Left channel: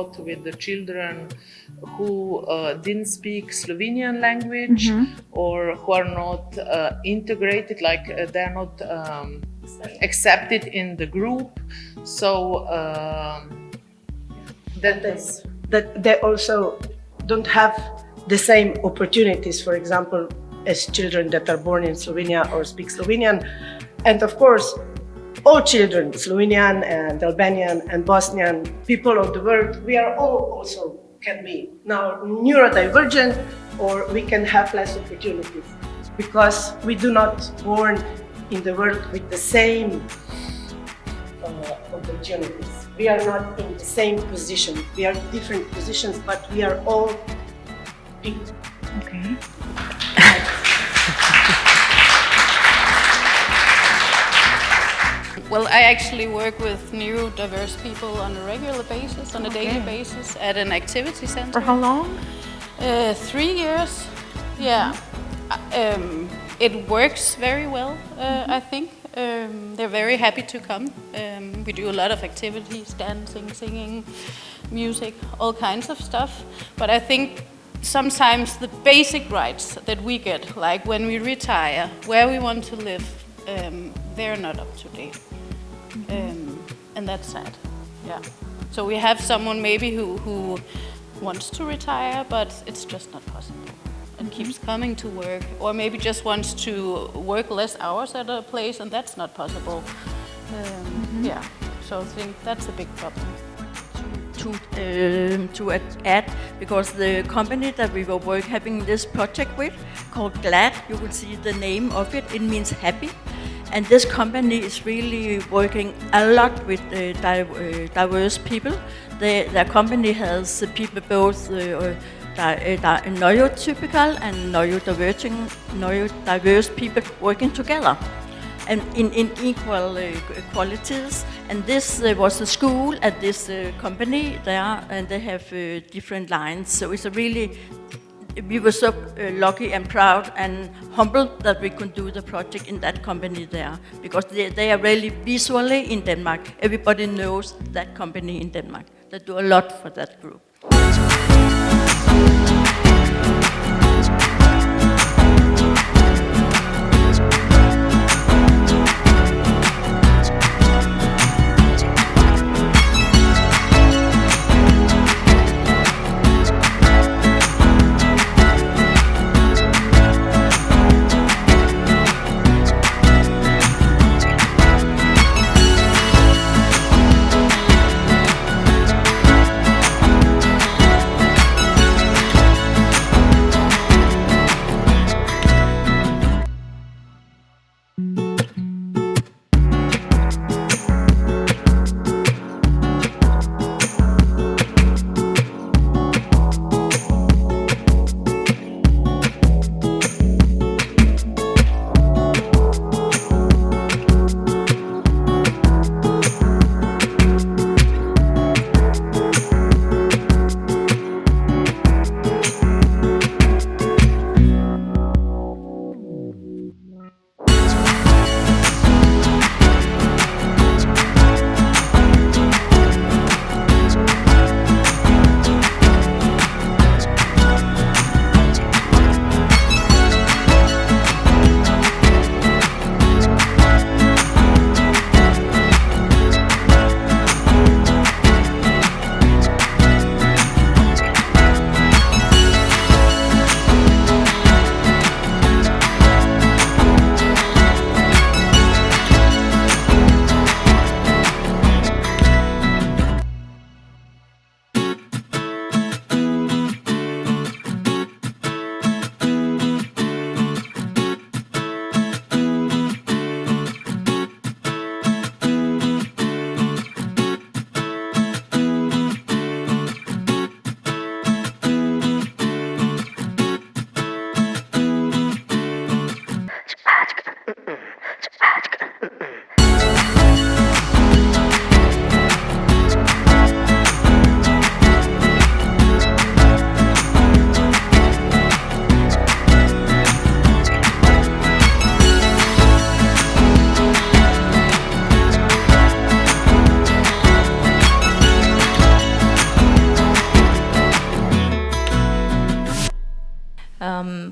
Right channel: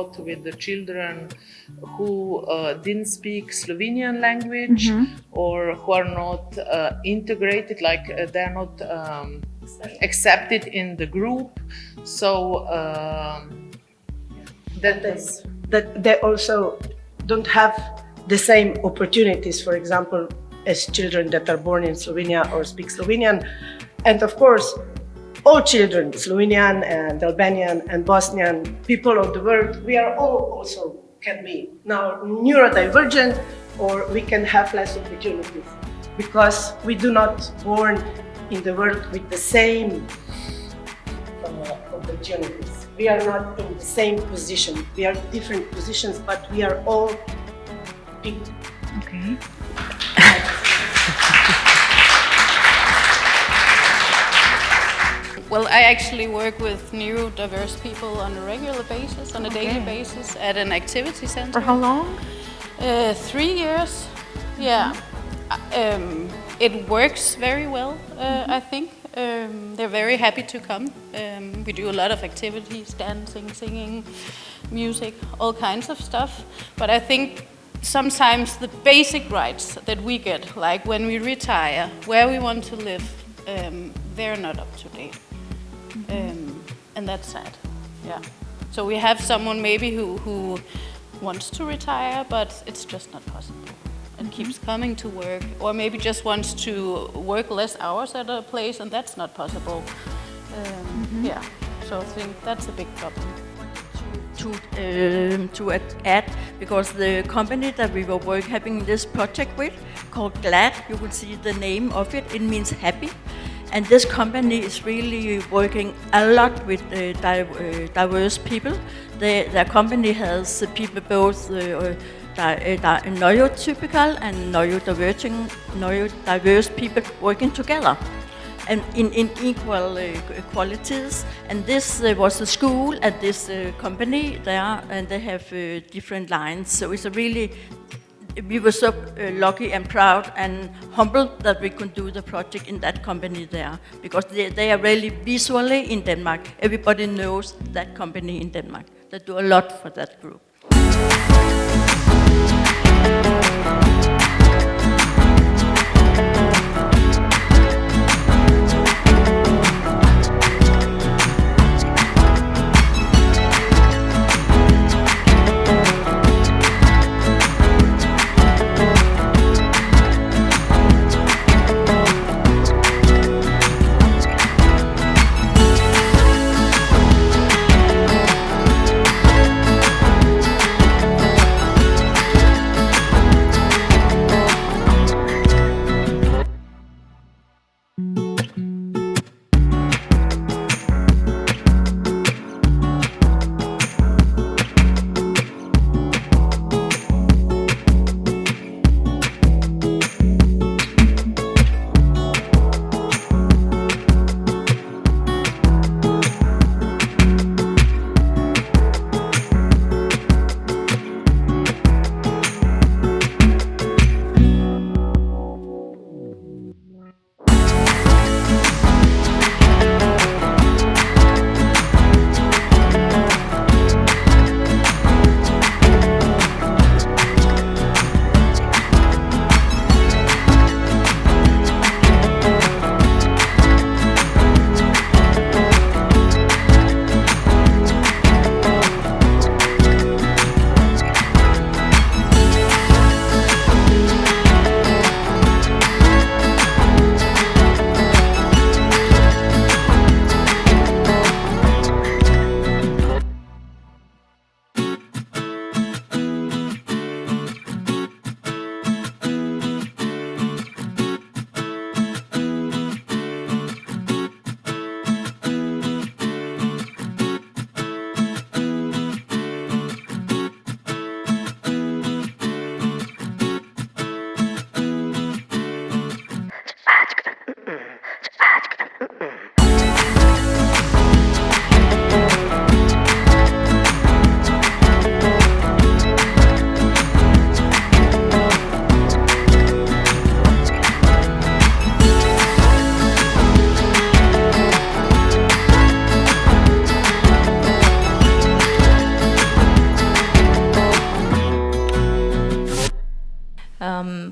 lot with the children who didn't speak Slovenian language or who are not integrated, like they're not accepted in the group. So that they also don't have the same opportunities, for example, as children that are born in Slovenia or speak Slovenian. And of course, all children, Slovenian and Albanian and Bosnian, people of the world, we are all also can be now neurodivergent, or we can have less opportunities because we do not born in the world with the same opportunities. We are not in the same position. We are different positions, but we are all people. Okay. Well, I actually work with neurodiverse people on a regular basis, on a daily basis, at an activity center. For how long? 3 years. Yeah. It works very well, I think. They're very happy to come. We do a lot of activities, dancing, singing, music, all kinds of stuff. But I think sometimes the basic rights that we get, like when we retire, where we want to live, they're not up to date. And that's sad. Yeah. So we have someone maybe who wants to retire, but it's just not possible. And keeps coming to work, or maybe just wants to work less hours at a place, and that's not possible. Yeah, so I think that's a big problem. To add, because the company that we were having this project with, called GLAD, you will see the name of it, it means happy. And this company is really working a lot with diverse people. Their company has people both neurotypical and neurodiverse people working together and in equal qualities. And this was a school at this company there, and they have different lines. So it's a really, we were so lucky and proud and humbled that we could do the project in that company there, because they are really visually in Denmark. Everybody knows that company in Denmark. They do a lot for that group.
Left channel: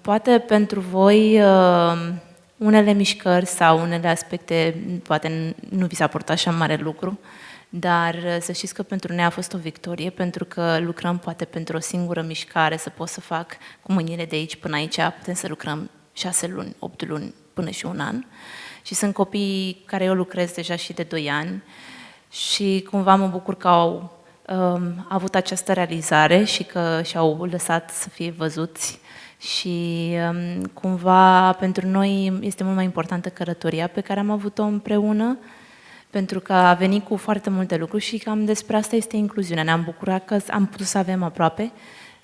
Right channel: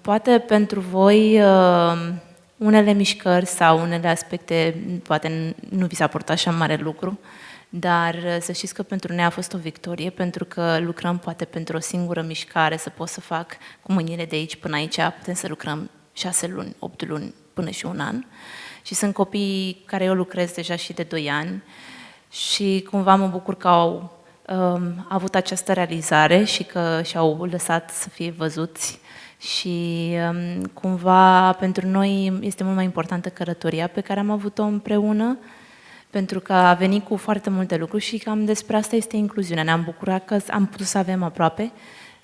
Poate pentru voi unele mișcări sau unele aspecte poate nu vi s-a părut așa mare lucru, dar să știți că pentru noi a fost o victorie, pentru că lucrăm poate pentru o singură mișcare, să pot să fac cu mâinile de aici până aici, putem să lucrăm 6 luni, 8 luni, până și un an. Și sunt copii care eu lucrez deja și de 2 ani și cumva mă bucur că au avut această realizare și că și-au lăsat să fie văzuți și cumva pentru noi este mult mai importantă călătoria pe care am avut-o împreună, pentru că a venit cu foarte multe lucruri și cam despre asta este incluziunea. Ne-am bucurat că am putut să avem aproape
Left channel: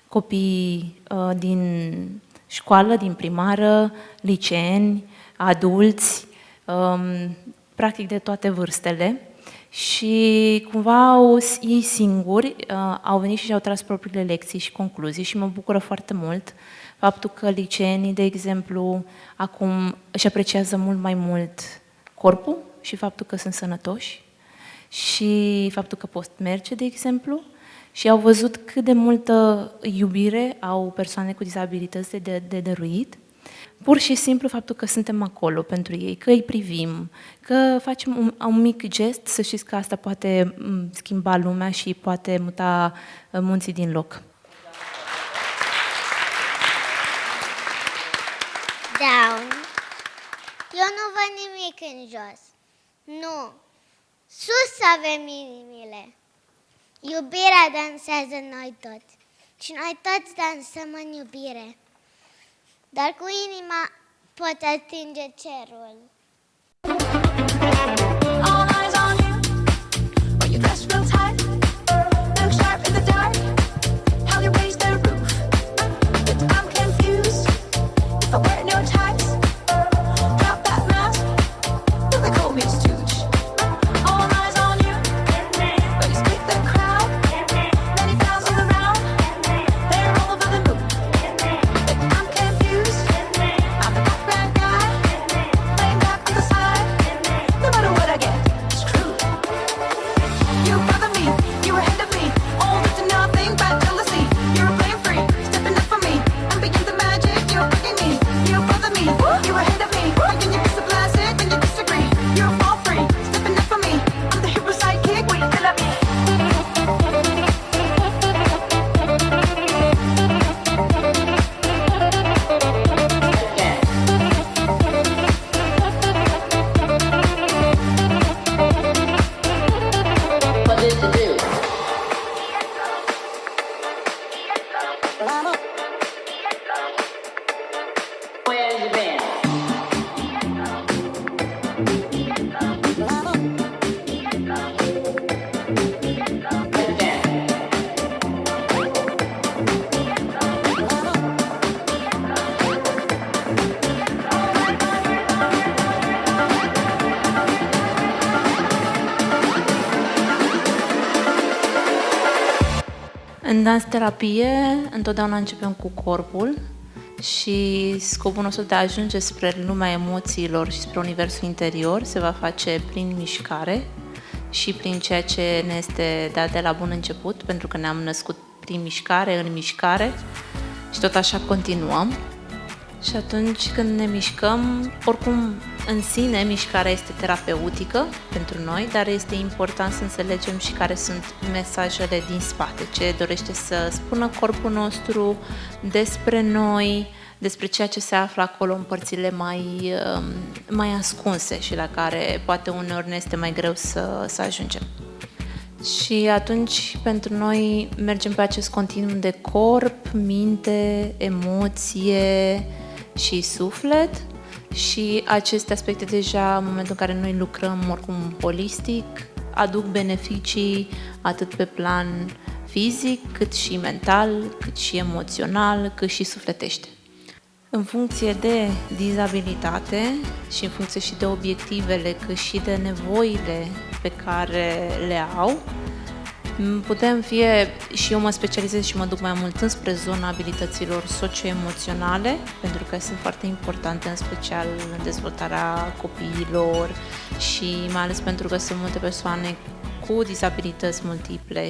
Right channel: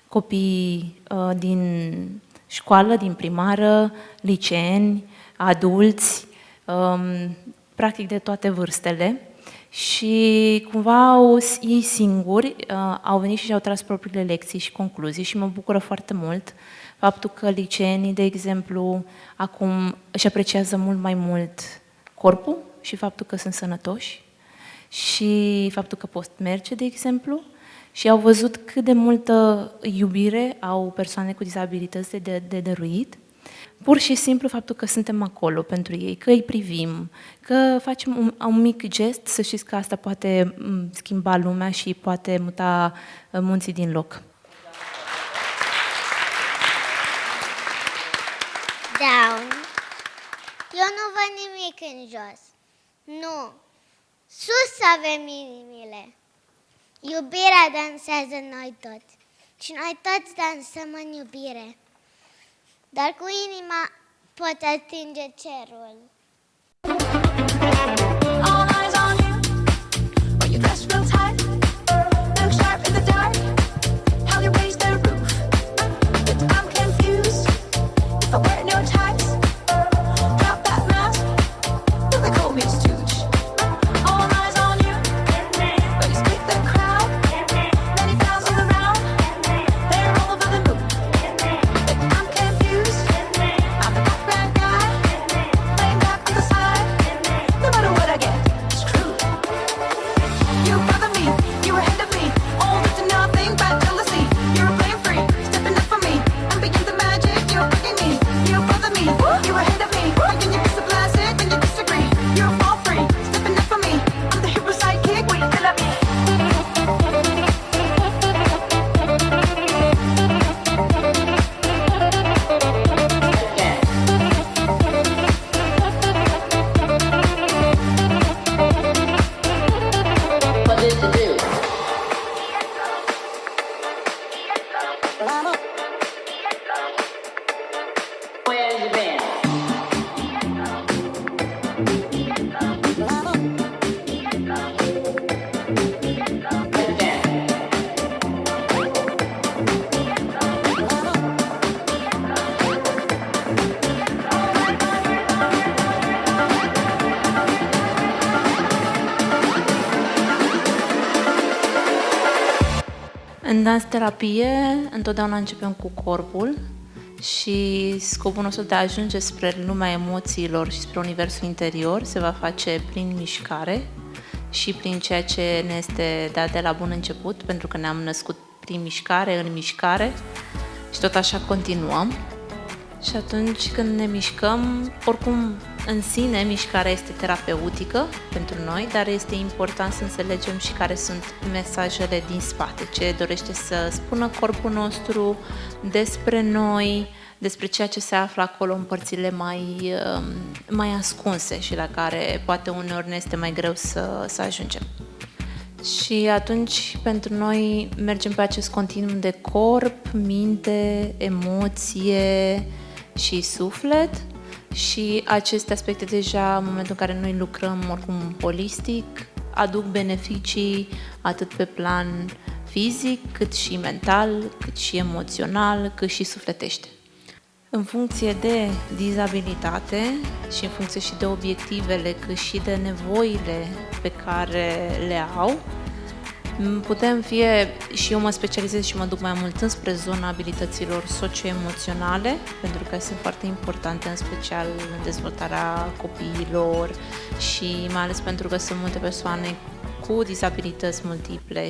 copii din școală, din primară, liceeni, adulți, practic de toate vârstele. Și cumva ei singuri au venit și și-au tras propriile lecții și concluzii și mă bucură foarte mult faptul că liceenii, de exemplu, acum își apreciază mult mai mult corpul și faptul că sunt sănătoși și faptul că pot merge, de exemplu, și au văzut cât de multă iubire au persoane cu dizabilități de dăruit. Pur și simplu faptul că suntem acolo pentru ei, că îi privim, că facem un mic gest, să știți că asta poate schimba lumea și poate muta munții din loc. Down. Eu nu văd nimic în jos. Nu. Sus avem inimile. Iubirea dansează noi toți. Și noi toți dansăm în iubire. Dar cu inima pot atinge cerul. All eyes on you, when you dress real tight, look sharp in the dark, how you raise the roof. But I'm confused, if I wear no ties, drop that mask, look like homie stooge. All eyes on you, when you split the crowd, many thousands around, they're all over the moon. But I'm confused, I'm the background guy, laying back on the side, no matter what I get, screwed. You bother me, you were ahead of me, all up to nothing but jealousy. You were playing free, stepping up for me, I'm beyond the magic, you're bugging me. You bother me, you were ahead of me, when you kiss the plastic, when you disagree. You're fall free, stepping up for me, I'm the hero sidekick, we still love me. În dans-terapie, întotdeauna începem cu corpul și scopul nostru de a ajunge spre lumea emoțiilor și spre reflexul interior se va face prin mișcare și prin ceea ce este de la bun început, pentru că ne-am născut din mișcare în mișcare, tot așa continuăm. Despre ceea ce se află acolo în părțile mai ascunse și la care poate uneori ne este mai greu să ajungem. Și atunci, pentru noi, mergem pe acest conținut de corp, minte, emoție și suflet și aceste aspecte deja pe care ne lucrăm holistic, aduc beneficii atât pe plan fizic, cât și mental, cât și emoțional, cât și sufletești. În punctul de vedere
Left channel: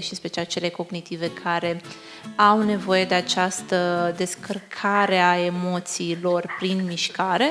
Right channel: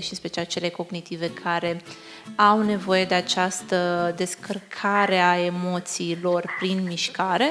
și cele cognitive care au nevoie de această descărcare a emoțiilor prin mișcare.